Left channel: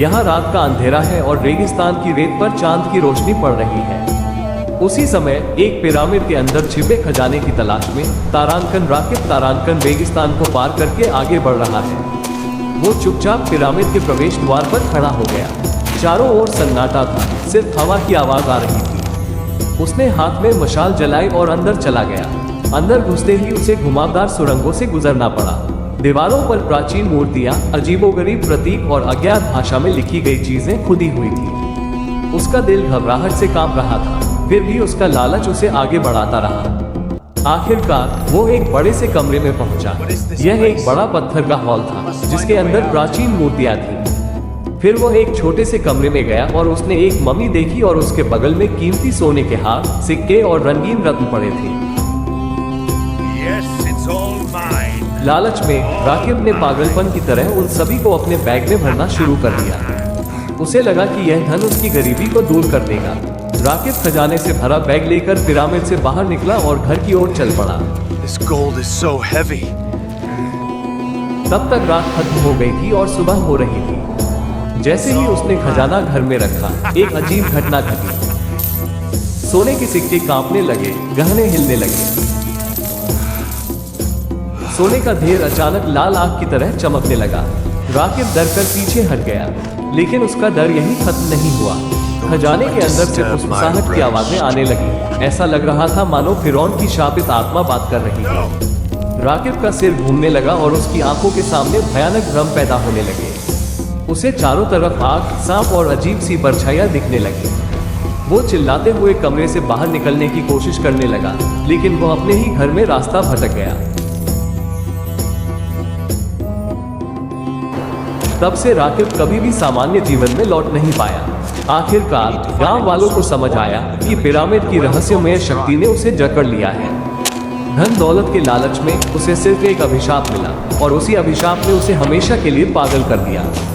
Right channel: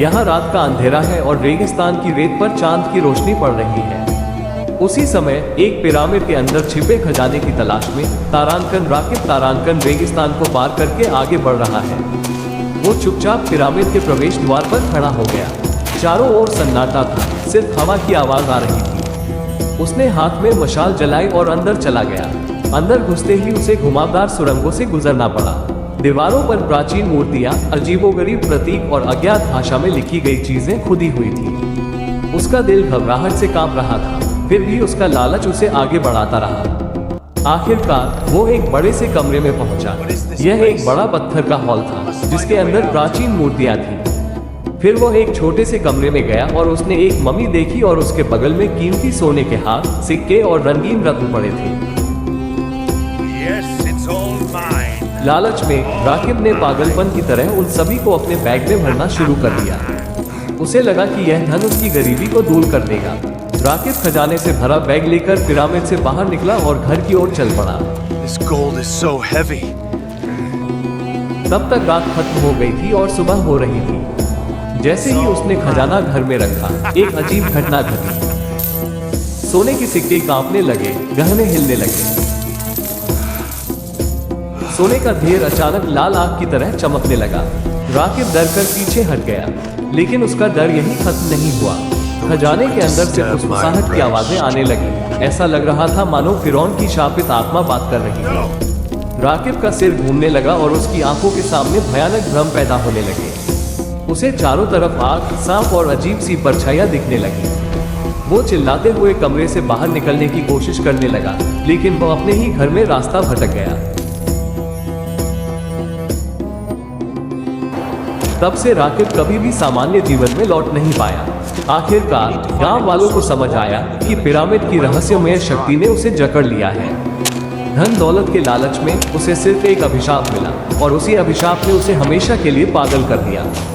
यहाँ रात का अंधेरा है और रेगिस्तान की रेत पर चांद की रोशनी पड़ रही है। उसी समय एक पिरामिड के अंदर छिपे खजाने की तलाश में राकिब तारांकन रेगिस्तान को पार करके आगे बढ़ रहा है। वो चुपचाप पिरामिड के प्रवेश द्वार पर खड़ा हो गया। चारों ओर सन्नाटा था, सिर्फ हवा की आवाज आ रही थी। उसने हाथ में मशाल जलाई और अंदर चला गया। अंदर घुसते ही उसे घुमावदार सुरंगों से गुजरना पड़ा। दीवारों पर प्राचीन मूर्तियां, अजीबोगरीब प्रतीक और अज्ञात भाषा में लिखी गई चीजें खुदी हुई थी। उसका दिल घबराहट से कांप रहा था, फिर भी उसका लालच उसे आगे बढ़ाता रहा। आखिरकार वो एक बड़े से कमरे में पहुंचा। यह एक बड़ा पत्थर का हॉल था जिसके अंदर प्राचीन मूर्तियां थी। फिर वो एक छोटे से कमरे में गया और उसने एक मम्मी देखी और उसके बगल में कीमती सोने के हार, सिक्के और रंगीन रत्न पड़े थे। Yes, it's all mine. लालच में राकिब ने पागलपन की तरह उन सभी को अपने बैग में भरना शुरू कर दिया। उसे लगा कि यह धन उसकी गरीबी को दूर कर देगा। राकिब खजाने से भरा बैग लेकर पिरामिड से बाहर निकला और घर की ओर चल पड़ा। This gold is so heavy. तब तक रात खत्म हो गई थी और सुबह हो रही थी। जैसे ही उसने खजाना घर में रखा, एक अजीब घटना घटी। सोने के सिक्के कांपने लगे, गहने हिलने लगे। सोने का ढेर अचानक लाल आग की तरह चमकने लगा। राकिब डर कर पीछे हट गया, लेकिन उसका डर यही खत्म नहीं हुआ। खजाने के अंदर से फुसफुसाहट की आवाजें आने लगी। ऐसा लग रहा था मानो फिरौन की शापित आत्मा बात कर रही है। राकिब का सिर घूमने लगा और उसकी आंखों के सामने भयानक भ्रम पैदा होने लगे। उसे चारों तरफ आग, सांप और अजीब सी परछाइयां दिखने लगी। वो चिल्लाते हुए कमरे से बाहर निकलने की कोशिश करने लगा, लेकिन वो अपने ही घर में रास्ता भटक गया। तब से राकिब कभी भी सामान्य जीवन में लौट नहीं पाया। आखिरकार गांव वालों को समझ आया कि पिरामिड की रहस्यमय शक्ति ने उसे जकड़ लिया है। धन दौलत के लालच में उसे सिर्फ एक अभिशाप मिला और उसी अभिशाप ने उसे हमेशा के लिए पागल कर दिया।